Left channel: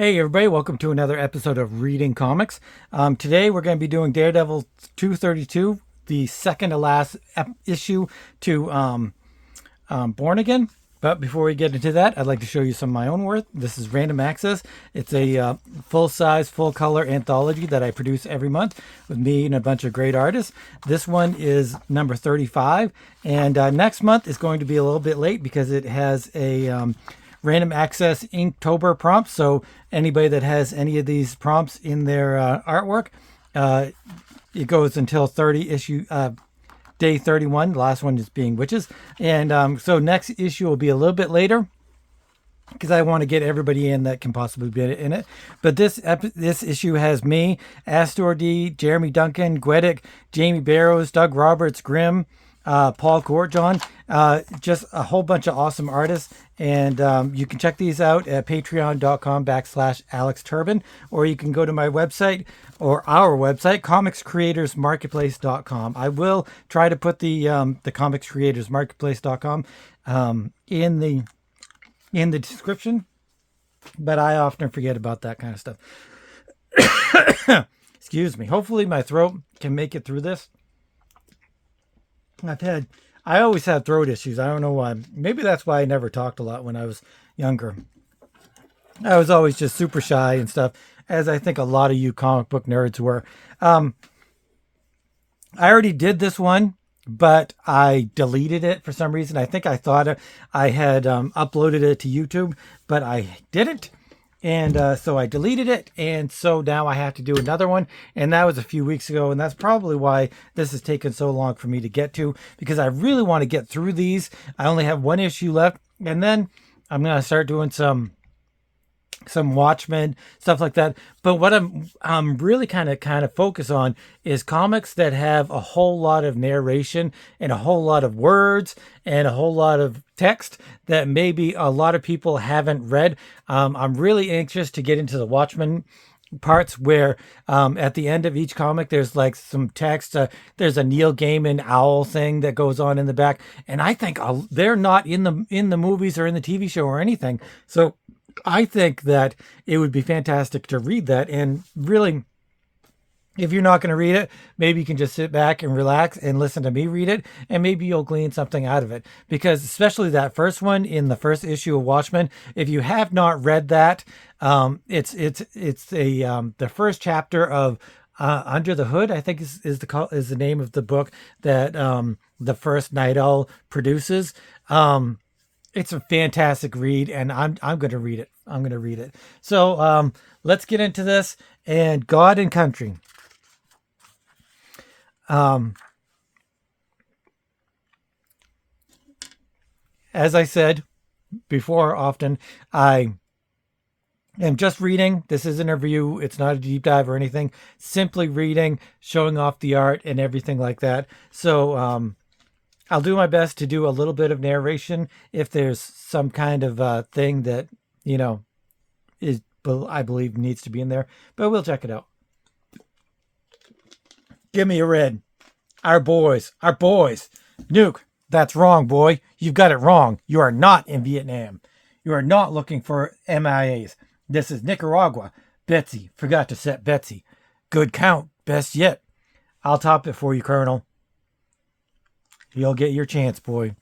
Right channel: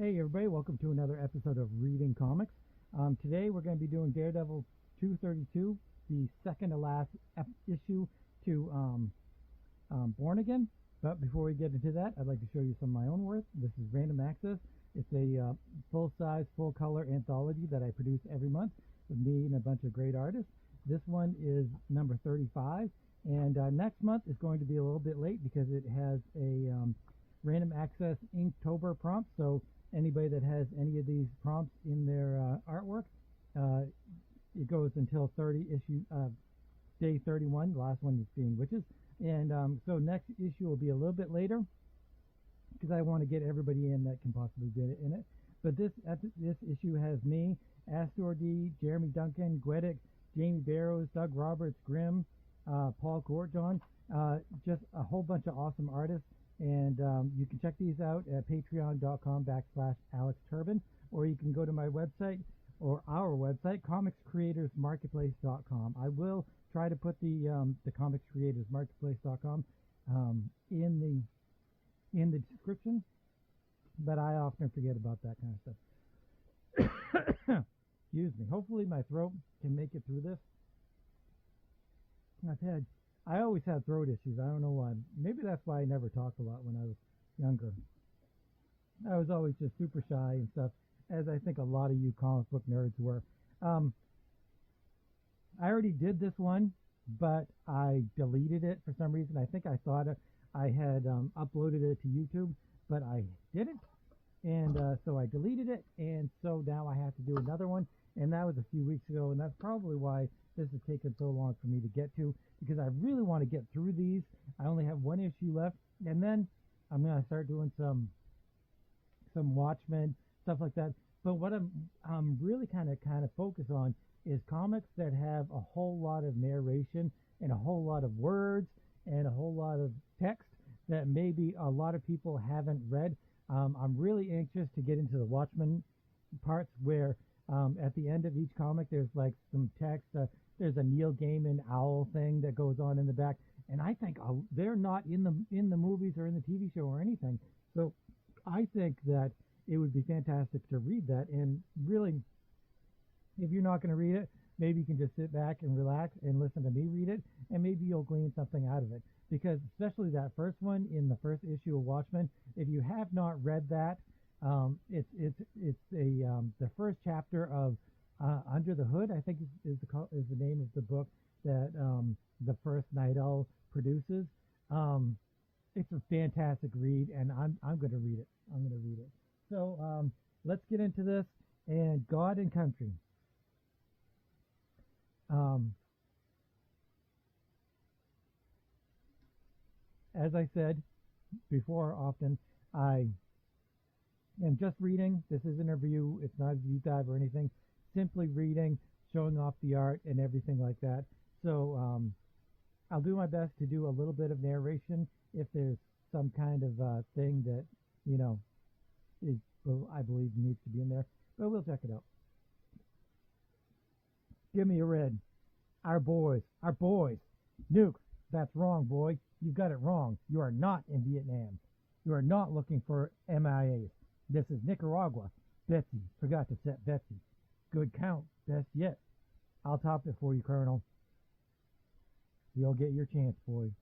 Hey everybody, welcome to another episode of Reading Comics. Today we're going to be doing Daredevil 232, the second to last issue to Born Again. But before we get into that, I'd like to show you some of my own work. This is Random Access. It's a full-size, full-color anthology that I produce every month with me and a bunch of great artists. This one is number 35, and next month is going to be a little bit late because it has a Random Access Inktober prompt. So anybody that has any of these prompts in their artwork, it goes until day 31. The last one is being witches. And so next issue will be a little bit later because I want to get everybody in that can possibly be in it. But this issue has me, Astor D, Jeremy Duncan, Gwedick, Jamie Barrows, Doug Roberts, Grimm, Paul Courtjohn, just a whole bunch of awesome artists. And you can check these out at patreon.com/AlexTurbin, or you can go to my website or our website, comicscreatorsmarketplace.com. I will try to put the comicscreatorsmarketplace.com in the description, but I often forget about that kind of stuff. Excuse me. Hopefully my throat can make it through this. I always had throat issues. I don't know why. Maybe that's why I never talked a lot when I was younger. I was always just super shy and stuff, as I think a lot of you comic book nerds were. I already did this one, but I deleted it for some reason. I think I thought I had uploaded it to YouTube, but I didn't. And so I deleted it, and so now I have to do another one, and that was a few weeks ago, and that's probably why this has taken so long for me to get to, because I really want to get through these. I only have one issue left, and then I'm going to start doing some Watchmen, stuff like that. But what I'm really kind of focus on is comics that have a whole lot of narration and a whole lot of words and a whole lot of text that maybe a lot of people haven't read. I'm really anxious to get into the Watchmen parts where at the end of each comic there's like some text. There's a Neil Gaiman owl thing that goes on in the back, and I think they're not in the movies or in the TV show or anything. So I think that it would be fantastic to read that. And really, if you're not going to read it, maybe you can just sit back and relax and listen to me read it, and maybe you'll glean something out of it. Because especially that first one in the first issue of Watchmen, if you have not read that, it's the first chapter of Under the Hood, I think is the name of the book that the first Night Owl produces. It's a fantastic read, and I'm going to read it. I'm going to read it. So let's get into this. And God and Country. As I said before, often, I am just reading. This isn't a review. It's not a deep dive or anything. Simply reading, showing off the art and everything like that. So I'll do my best to do a little bit of narration if there's some kind of thing that, I believe needs to be in there, but we'll check it out. Give me a red. Our boys. Nuke, that's wrong, boy. You've got it wrong. You are not in Vietnam. You are not looking for MIAs. This is Nicaragua. Betsy, forgot to set Betsy. Good count, best yet. I'll top it for you, Colonel. You'll get your chance, boy.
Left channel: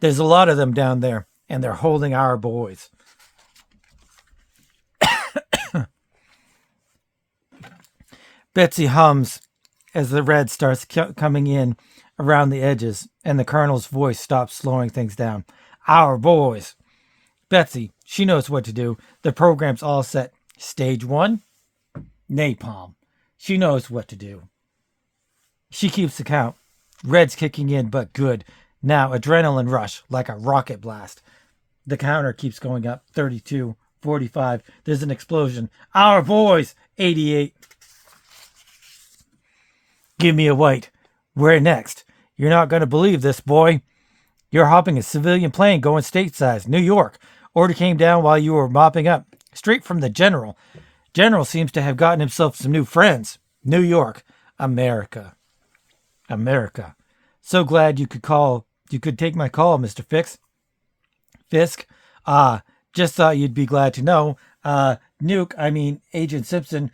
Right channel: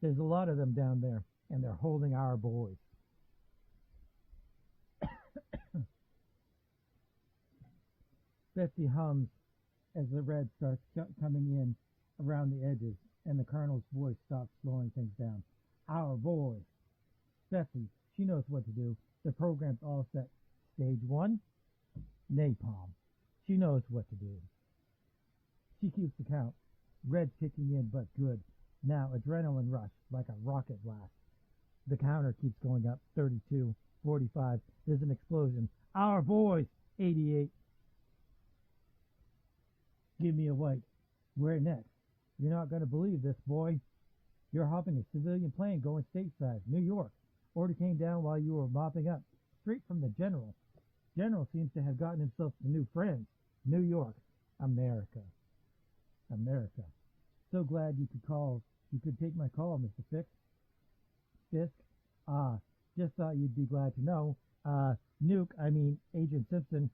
There's a lot of them down there, and they're holding our boys. Betsy hums as the red starts coming in around the edges, and the colonel's voice stops, slowing things down. Our boys. Betsy, she knows what to do. The program's all set. Stage 1, napalm. She knows what to do. She keeps the count. Red's kicking in, but good. Now, adrenaline rush, like a rocket blast. The counter keeps going up. 32, 45. There's an explosion. Our boys! 88. Give me a white. Where next? You're not going to believe this, boy. You're hopping a civilian plane going stateside, New York. Order came down while you were mopping up. Straight from the general. General seems to have gotten himself some new friends. New York. America. So glad you could take my call, Mr. Fisk. Just thought you'd be glad to know Agent Simpson,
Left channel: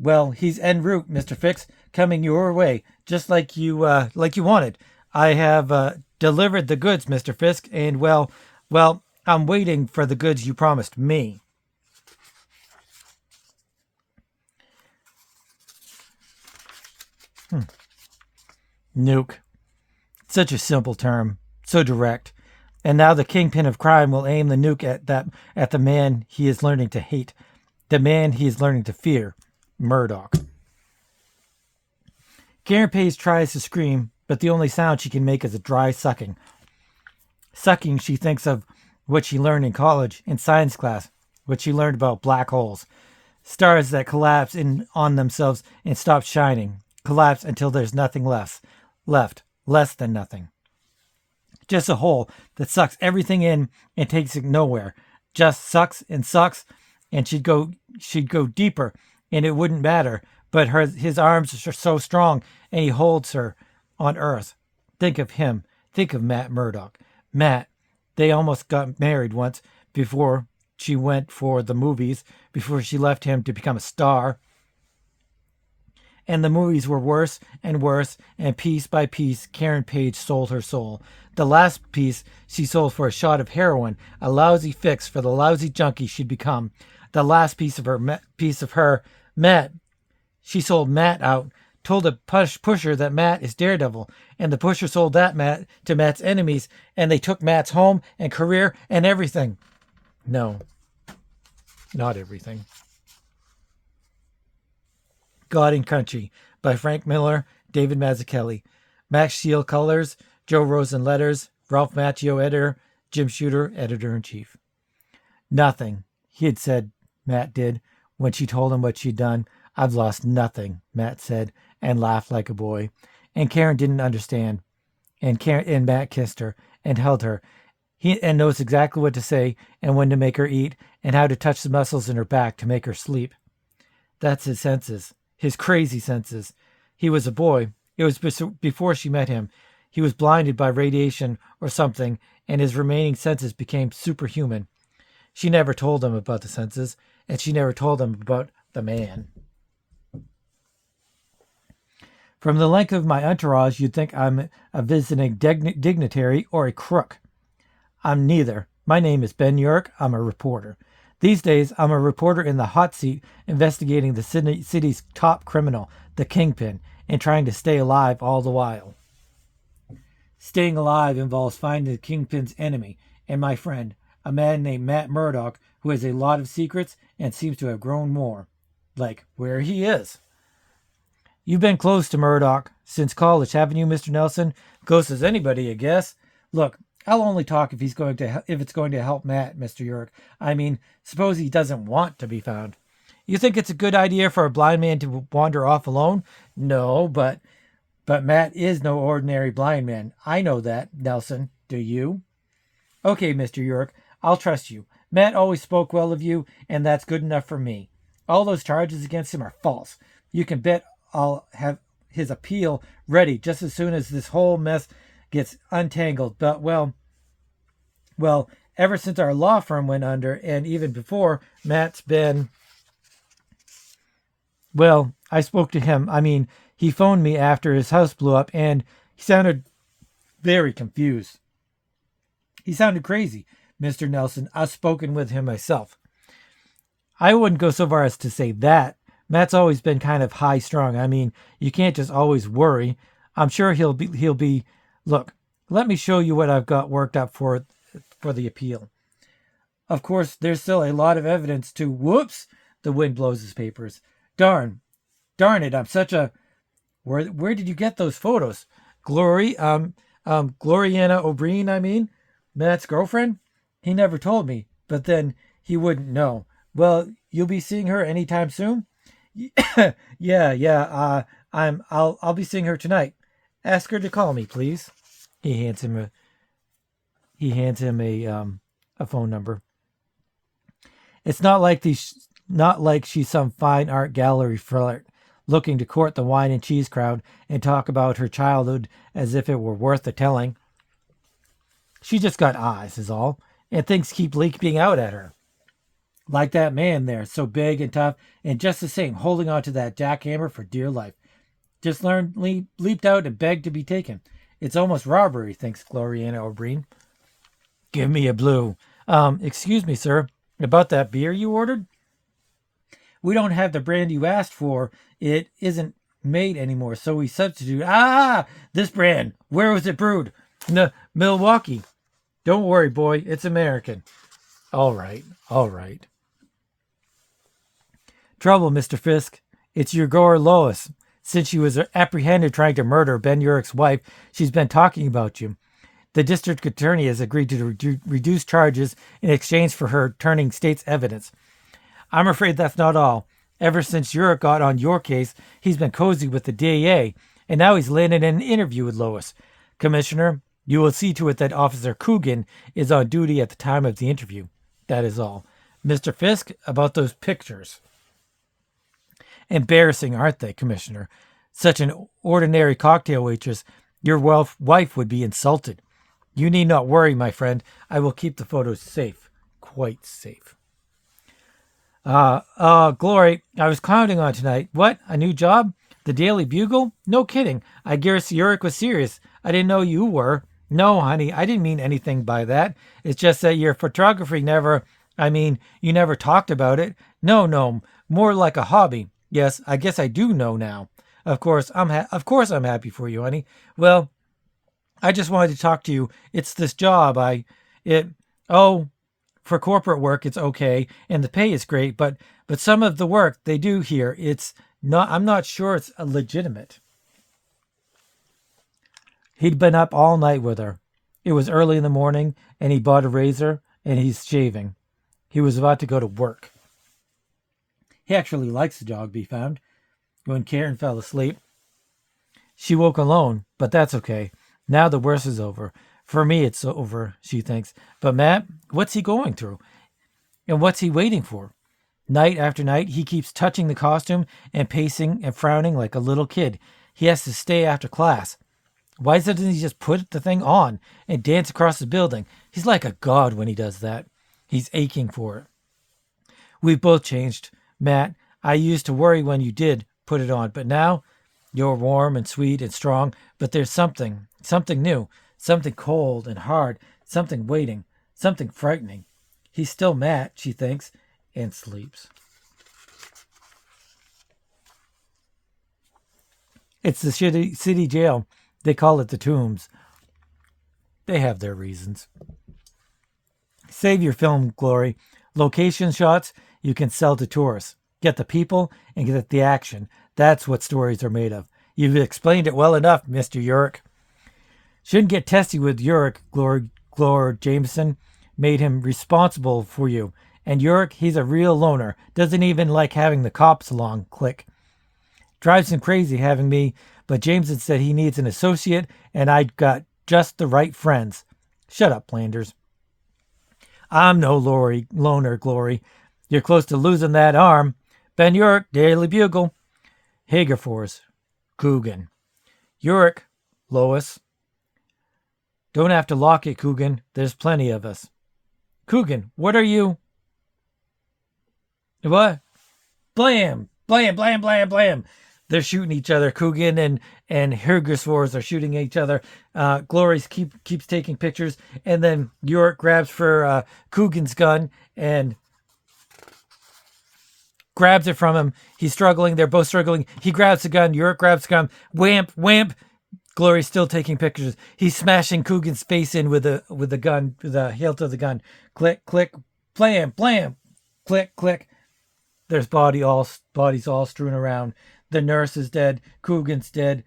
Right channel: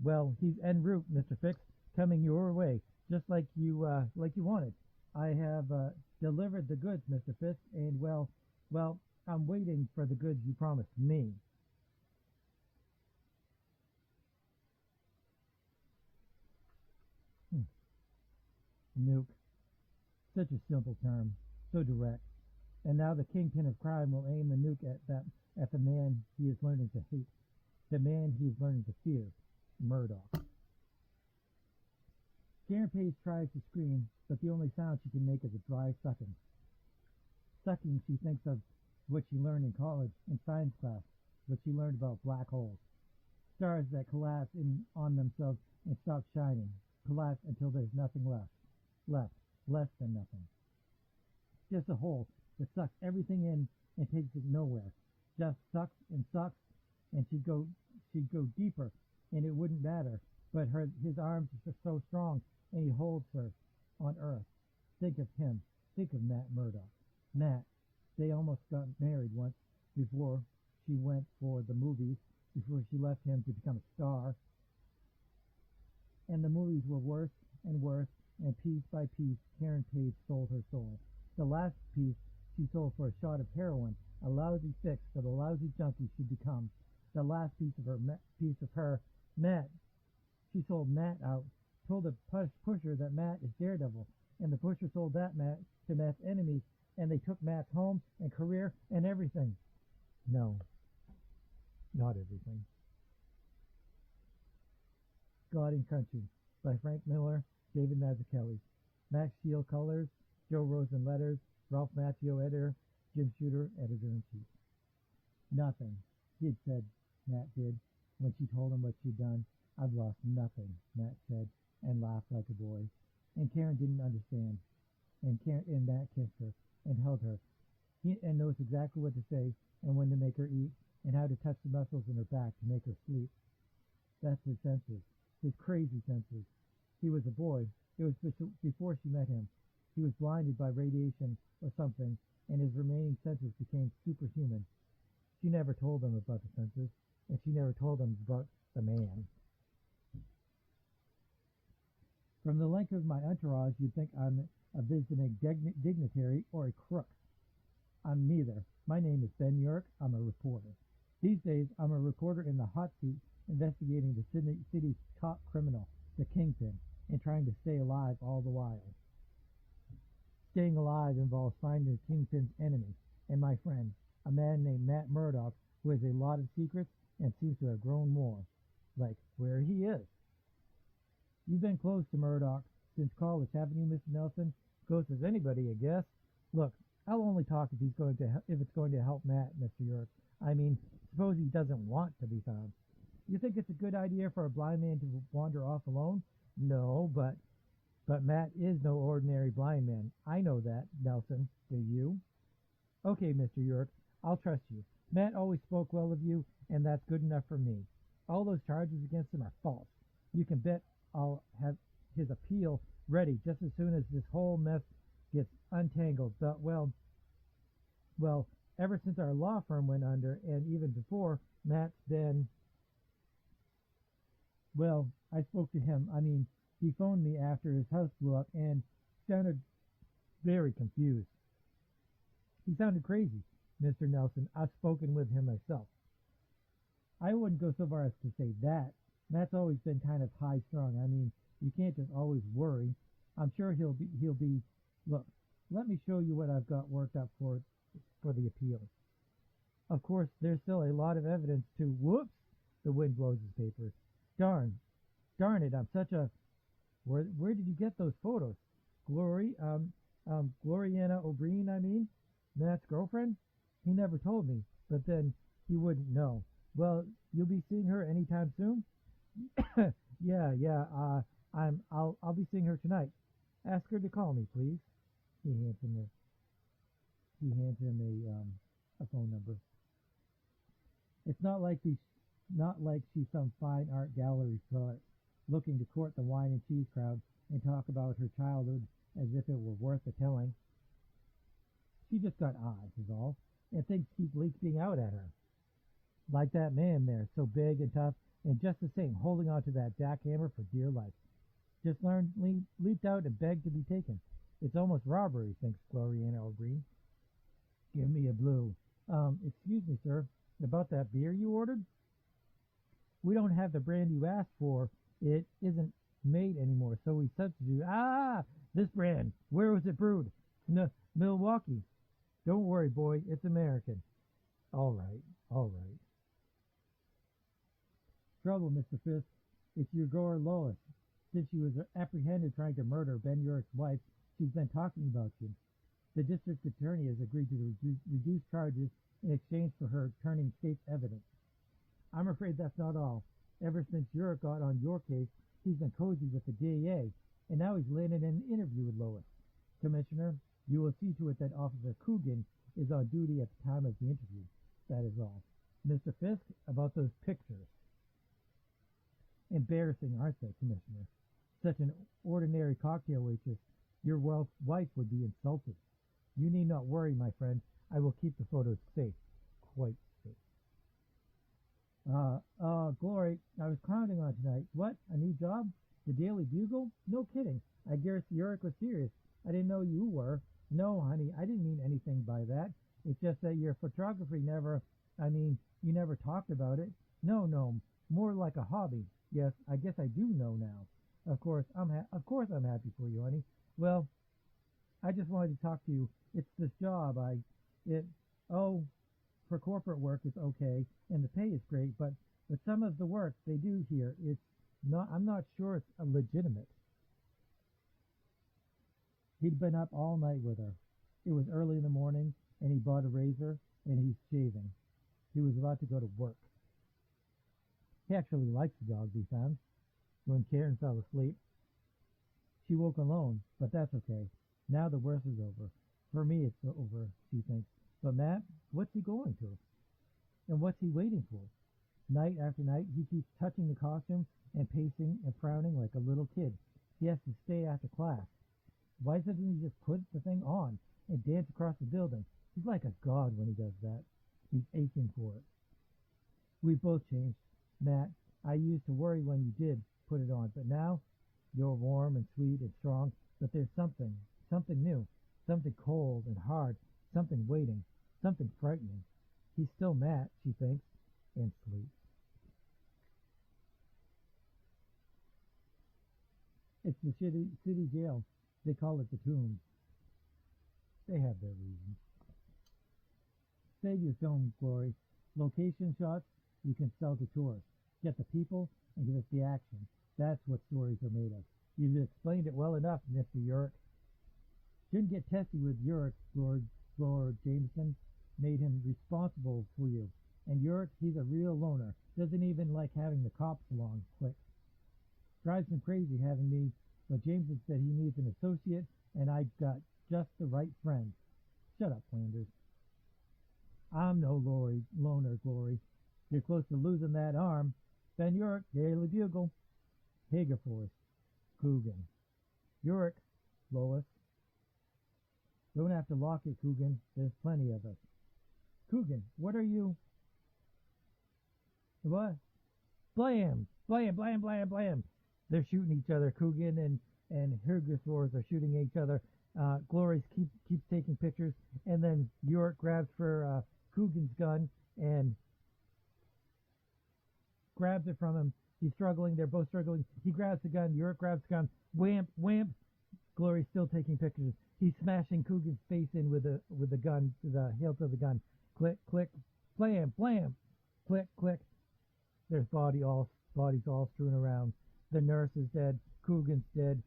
well, he's en route, Mr. Fix, coming your way, just like you wanted. I have delivered the goods, Mr. Fisk, and I'm waiting for the goods you promised me. Nuke. Such a simple term, so direct. And now the kingpin of crime will aim the nuke at the man he is learning to hate, the man he is learning to fear, Murdoch. Karen Page tries to scream, but the only sound she can make is a dry sucking. Sucking, she thinks of what she learned in college, in science class, what she learned about black holes. Stars that collapse in on themselves and stop shining, collapse until there's nothing left, less than nothing. Just a hole that sucks everything in and takes it nowhere. Just sucks, and she'd go deeper, and it wouldn't matter. But his arms are so strong, and he holds her on Earth. Think of him. Think of Matt Murdoch. Matt, they almost got married once before she went for the movies, before she left him to become a star. And the movies were worse, and piece by piece, Karen Page sold her soul. The last piece she sold for a shot of heroin, a lousy fix for the lousy junkie she'd become. The last piece of her, Matt. She sold Matt out, told a pusher that Matt is Daredevil, and the pusher sold that Matt to Matt's enemies, and they took Matt's home and career and everything. No, not everything. God and Country by Frank Miller, David Mazzucchelli. Max Shield colors, Joe Rosen letters, Ralph Macchio editor, Jim Shooter editor-in-chief. Nothing, he had said, Matt did, when she told him what she'd done. I've lost nothing, Matt said, and laughed like a boy. And Karen didn't understand. And Matt kissed her and held her. He knows exactly what to say and when to make her eat and how to touch the muscles in her back to make her sleep. That's his senses. His crazy senses. He was a boy. It was before she met him. He was blinded by radiation or something, and his remaining senses became superhuman. She never told him about the senses, and she never told him about the man. From the length of my entourage, you'd think I'm a visiting dignitary or a crook. I'm neither. My name is Ben York. I'm a reporter. These days, I'm a reporter in the hot seat investigating the city's top criminal, the Kingpin, and trying to stay alive all the while. Staying alive involves finding the Kingpin's enemy and my friend, a man named Matt Murdoch, who has a lot of secrets and seems to have grown more. Like where he is. You've been close to Murdoch since college, haven't you, Mr. Nelson? Close as anybody, I guess. Look, I'll only talk if it's going to help Matt, Mr. York. I mean, suppose he doesn't want to be found. You think it's a good idea for a blind man to wander off alone? No, but Matt is no ordinary blind man. I know that, Nelson. Do you? Okay, Mr. York, I'll trust you. Matt always spoke well of you, and that's good enough for me. All those charges against him are false. You can bet I'll have his appeal ready just as soon as this whole mess gets untangled. But, well, ever since our law firm went under, and even before, Matt's been... Well, I spoke to him. I mean, he phoned me after his house blew up, and he sounded very confused. He sounded crazy, Mr. Nelson. I've spoken with him myself. I wouldn't go so far as to say that. Matt's always been kind of high-strung. I mean, you can't just always worry. I'm sure he'll be. Look, let me show you what I've got worked up for the appeal. Of course, there's still a lot of evidence to. Whoops! The wind blows his papers. Darn it! I'm such a. Where did you get those photos? Gloriana O'Brien, I mean, Matt's girlfriend. He never told me, but then he wouldn't know. Well, you'll be seeing her anytime soon. Yeah. I'll be seeing her tonight. Ask her to call me, please. He hands him a phone number. It's not like she's some fine art gallery flirt looking to court the wine and cheese crowd and talk about her childhood as if it were worth the telling. She just got eyes, is all, and things keep leaking out at her. Like that man there, so big and tough, and just the same, holding on to that jackhammer for dear life. Just leaped out and begged to be taken. It's almost robbery, thinks Gloriana O'Brien. Give me a blue. Excuse me, sir. About that beer you ordered? We don't have the brand you asked for. It isn't made anymore, so we substitute. This brand. Where was it brewed? Milwaukee. Don't worry, boy. It's American. All right. All right. Trouble, Mr. Fisk. It's your girl Lois. Since she was apprehended trying to murder Ben Urich's wife, she's been talking about you. The district attorney has agreed to reduce charges in exchange for her turning state's evidence. I'm afraid that's not all. Ever since Urich got on your case, he's been cozy with the DA, and now he's landed an interview with Lois. Commissioner, you will see to it that Officer Coogan is on duty at the time of the interview. That is all. Mr. Fisk, about those pictures. Embarrassing, aren't they, Commissioner? Such an ordinary cocktail waitress, your wife would be insulted. You need not worry, my friend. I will keep the photos safe. Quite safe. Glory, I was counting on tonight. What? A new job? The Daily Bugle? No kidding. I guess Urich was serious. I didn't know you were. No, honey, I didn't mean anything by that. It's just that your photography you never talked about it. No, more like a hobby. Yes, I guess I do know now. Of course, I'm happy for you, honey. Well, I just wanted to talk to you. It's this job. For corporate work, it's okay, and the pay is great, but some of the work they do here, I'm not sure it's legitimate. He'd been up all night with her. It was early in the morning, and he bought a razor, and he's shaving. He was about to go to work. He actually likes the job, he found. When Karen fell asleep, she woke alone, but that's okay. Now the worst is over. For me, it's over, she thinks. But Matt, what's he going through? And what's he waiting for? Night after night, he keeps touching the costume and pacing and frowning like a little kid. He has to stay after class. Why doesn't he just put the thing on and dance across the building? He's like a god when he does that. He's aching for it. We've both changed, Matt. I used to worry when you did put it on, but now you're warm and sweet and strong, but there's something new, something cold and hard, something waiting, something frightening. He's still Matt, she thinks, and sleeps. It's the city jail. They call it the Tombs. They have their reasons. Save your film, Glory. Location shots you can sell to tourists. Get the people and get the action. That's what stories are made of. You've explained it well enough, Mr. Urich. Shouldn't get testy with Urich, Glor Jameson. Made him responsible for you. And Urich, he's a real loner. Doesn't even like having the cops along. Click. Drives him crazy having me, but Jameson said he needs an associate, and I'd got just the right friends. Shut up, Landers. I'm no loner, Glory. You're close to losing that arm. Ben Urich, Daily Bugle. Hagerfors, Coogan. Urich, Lois. Don't have to lock it, Coogan. There's plenty of us. Coogan, what are you? What? Blam! Blam, blam, blam, blam. They're shooting each other. Coogan and Hagerfors are shooting each other. Glory keeps taking pictures, and then Urich grabs for Coogan's gun and grabs it from him. He's struggling. They're both struggling. He grabs the gun. Urich grabs the gun. Whamp, whamp. Glory's still taking pictures. He's smashing Coogan's face in with the gun, the hilt of the gun. Click, click, blam, blam. Click, click. There's bodies all strewn around. The nurse is dead. Coogan's dead.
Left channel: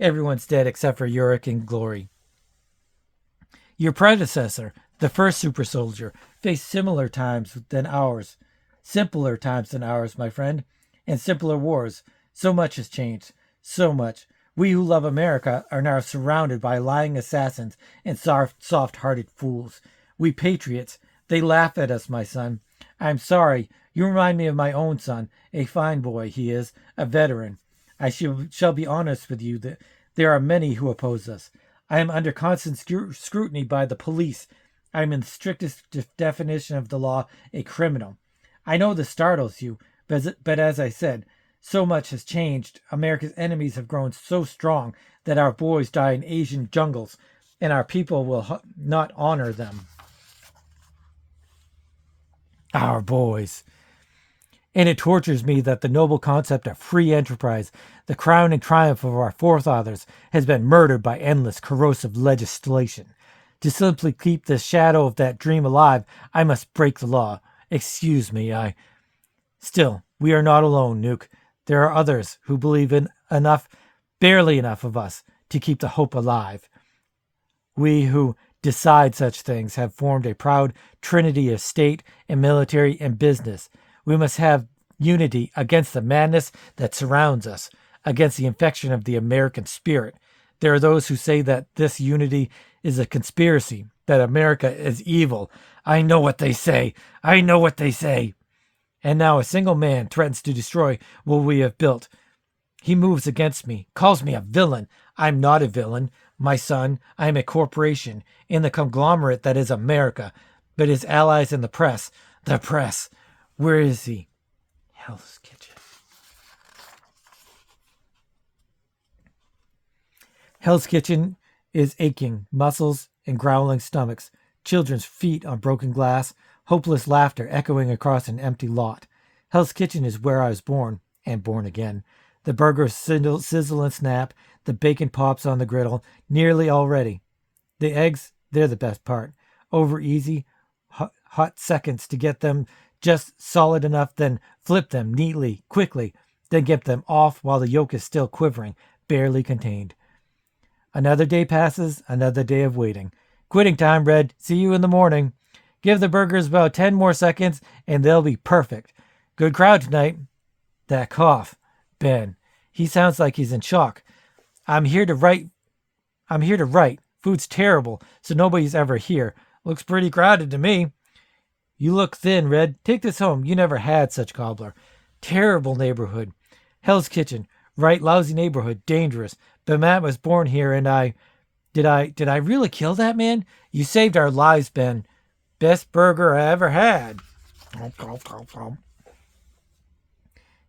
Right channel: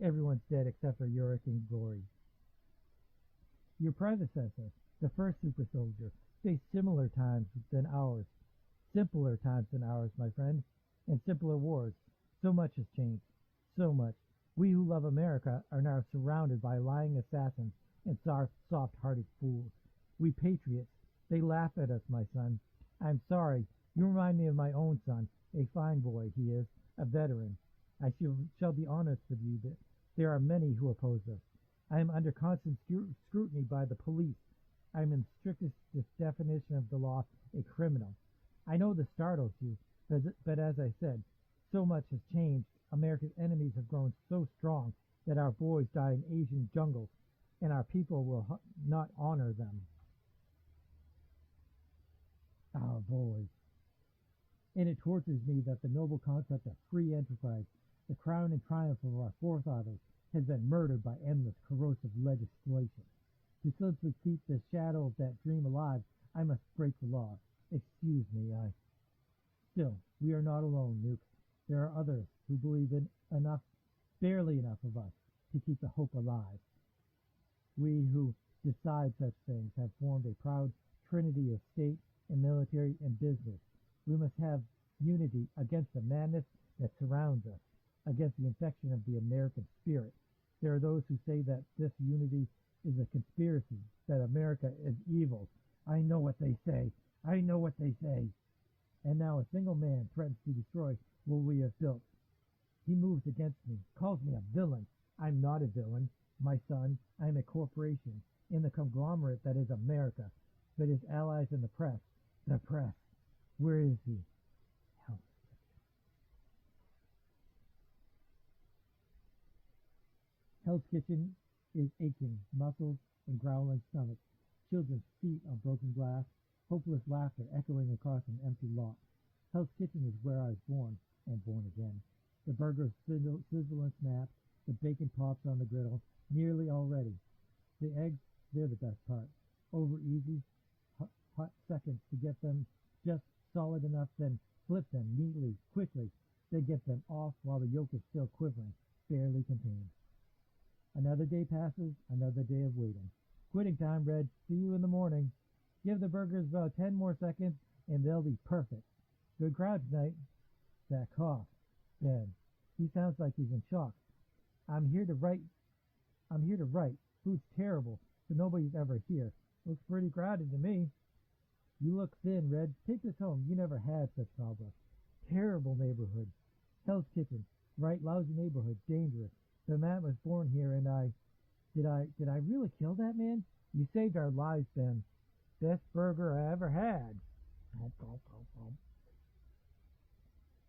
Everyone's dead except for Urich and Glory. Your predecessor, the first super soldier, faced similar times than ours. Simpler times than ours, my friend. And simpler wars. So much has changed. So much. We who love America are now surrounded by lying assassins and soft-hearted fools. We patriots, they laugh at us, my son. I'm sorry. You remind me of my own son. A fine boy he is, a veteran. I shall be honest with you that there are many who oppose us. I am under constant scrutiny by the police. I am in the strictest definition of the law a criminal. I know this startles you, but as I said, so much has changed. America's enemies have grown so strong that our boys die in Asian jungles, and our people will not honor them. Our boys. And it tortures me that the noble concept of free enterprise, the crowning triumph of our forefathers, has been murdered by endless corrosive legislation. To simply keep the shadow of that dream alive, I must break the law. Excuse me, Still, we are not alone, Nuke. There are others who believe in enough, barely enough of us, to keep the hope alive. We who decide such things have formed a proud trinity of state and military and business. We must have unity against the madness that surrounds us, against the infection of the American spirit. There are those who say that this unity is a conspiracy, that America is evil. I know what they say. I know what they say. And now a single man threatens to destroy what we have built. He moves against me, calls me a villain. I'm not a villain, my son. I am a corporation in the conglomerate that is America, but his allies in the press. The press. Where is he? Hell's Kitchen. Hell's Kitchen is aching muscles and growling stomachs, children's feet on broken glass, hopeless laughter echoing across an empty lot. Hell's Kitchen is where I was born, and born again. The burgers sizzle and snap, the bacon pops on the griddle, nearly all ready. The eggs, they're the best part. Over easy, hot seconds to get them just solid enough, then flip them neatly, quickly, then get them off while the yolk is still quivering, barely contained. Another day passes, another day of waiting. Quitting time, Red. See you in the morning. Give the burgers about 10 more seconds, and they'll be perfect. Good crowd tonight. That cough. Ben. He sounds like he's in shock. I'm here to write. Food's terrible, so nobody's ever here. Looks pretty crowded to me. You look thin, Red. Take this home. You never had such cobbler. Terrible neighborhood. Hell's Kitchen. Right, lousy neighborhood. Dangerous. But Matt was born here, and Did I really kill that man? You saved our lives, Ben. Best burger I ever had.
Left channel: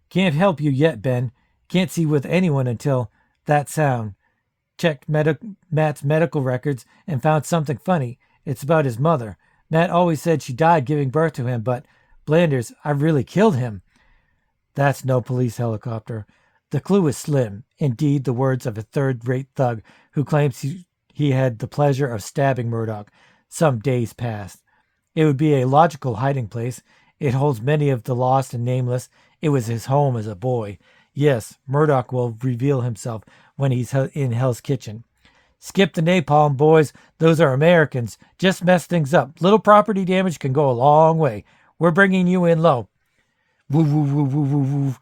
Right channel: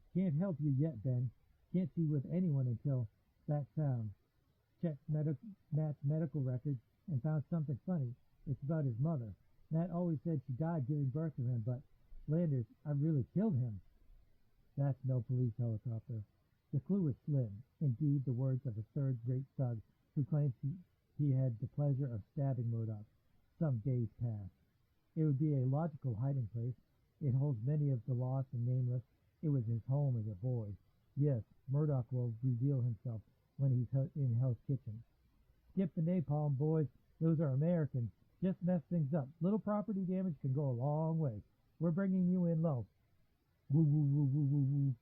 Can't help you yet, Ben. Can't see with anyone until that sound. Checked Matt's medical records and found something funny. It's about his mother. Matt always said she died giving birth to him, but Blanders, I really killed him. That's no police helicopter. The clue is slim. Indeed, the words of a third-rate thug who claims he had the pleasure of stabbing Murdoch some days past. It would be a logical hiding place. It holds many of the lost and nameless. It was his home as a boy. Yes, Murdoch will reveal himself when he's in Hell's Kitchen. Skip the napalm, boys. Those are Americans. Just mess things up. Little property damage can go a long way. We're bringing you in low. Woo, woo, woo, woo, woo, woo.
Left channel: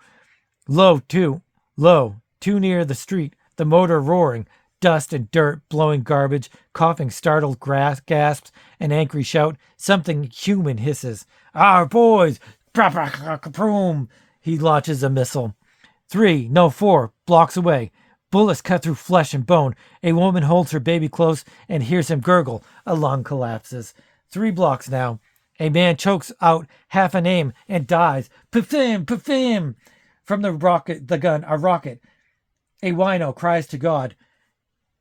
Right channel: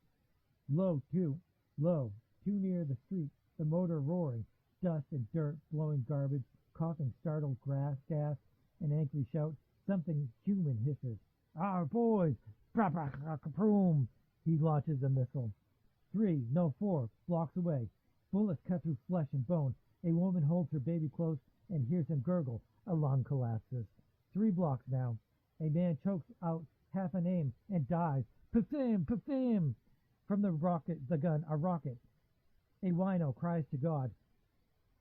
Low, too. Low. Too near the street. The motor roaring. Dust and dirt, blowing garbage, coughing startled gasps, an angry shout. Something human hisses. Our boys! He launches a missile. 4 blocks away. Bullets cut through flesh and bone. A woman holds her baby close and hears him gurgle. A lung collapses. 3 blocks now. A man chokes out half a name and dies. Pafim! Pafim! From the gun, a rocket. A wino cries to God.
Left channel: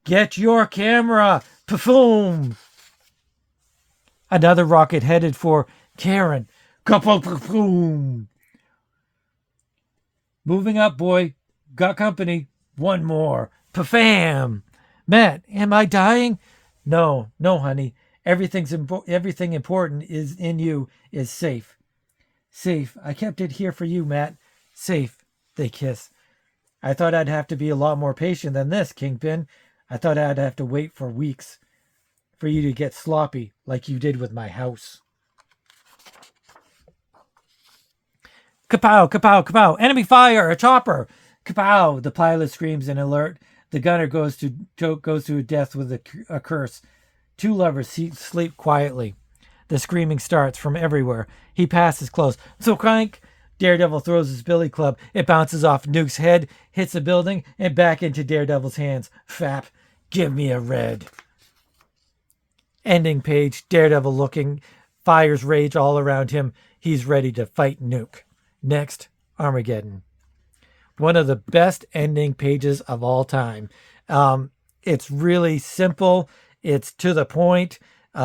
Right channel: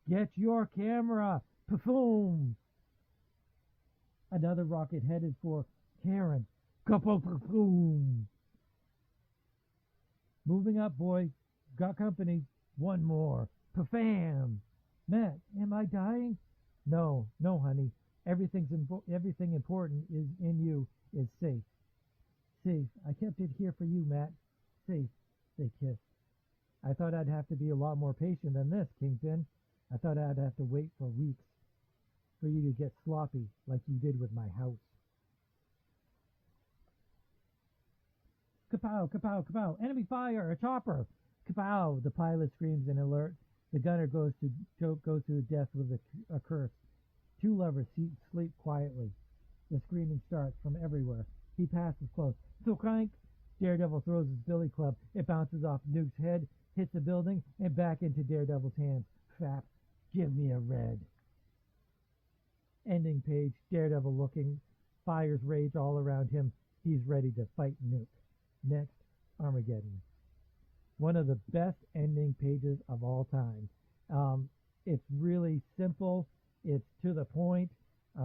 Get your camera! Paffoom! Another rocket headed for Karen. Kapoom! Moving up, boy. Got company. 1 more. Pafam! Matt, am I dying? No, honey. Everything important is in you is safe. Safe. I kept it here for you, Matt. Safe. They kiss. I thought I'd have to be a lot more patient than this, Kingpin. I thought I'd have to wait for weeks for you to get sloppy like you did with my house. Kapow, kapow, kapow. Enemy fire, a chopper. Kapow, the pilot screams in alert. The gunner goes to death with a curse. 2 lovers sleep quietly. The screaming starts from everywhere. He passes close. So crank. Daredevil throws his billy club. It bounces off Nuke's head, hits the building, and back into Daredevil's hands. Fap. Give me a red. Ending page. Daredevil looking. Fires rage all around him. he's ready to fight Nuke. Next, Armageddon. One of the best ending pages of all time. It's really simple. It's to the point. It's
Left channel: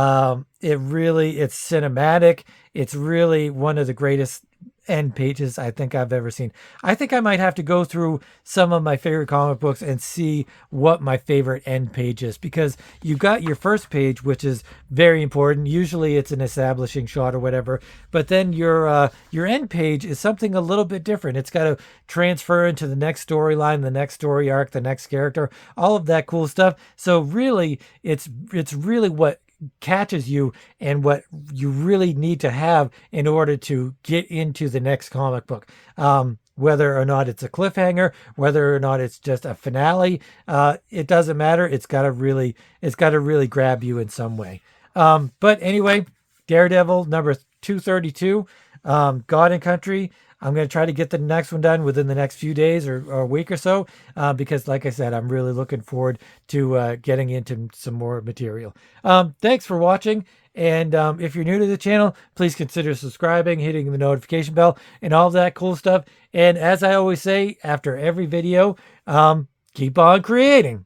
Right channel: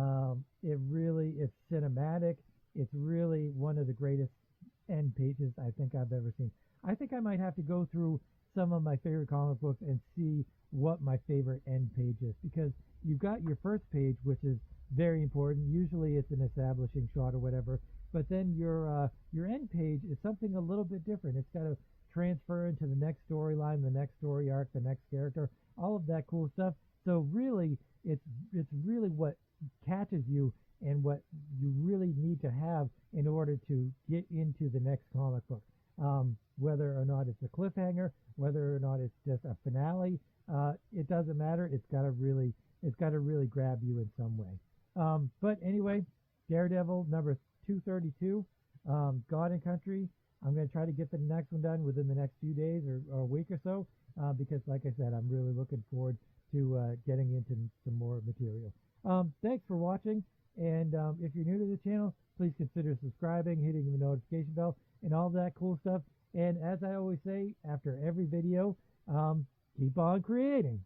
cinematic. It's really one of the greatest end pages I think I've ever seen. I think I might have to go through some of my favorite comic books and see what my favorite end page is, because you got your first page, which is very important. Usually it's an establishing shot or whatever, but then your end page is something a little bit different. It's got to transfer into the next storyline, the next story arc, the next character, all of that cool stuff. So really, it's really what catches you and what you really need to have in order to get into the next comic book. Whether or not it's a cliffhanger, whether or not it's just a finale, it doesn't matter. It's got to really grab you in some way. But anyway, Daredevil number 232, God and Country. I'm going to try to get the next one done within the next few days or a week or so, because like I said, I'm really looking forward to getting into some more material. Thanks for watching. And if you're new to the channel, please consider subscribing, hitting the notification bell, and all that cool stuff. And as I always say, after every video, keep on creating.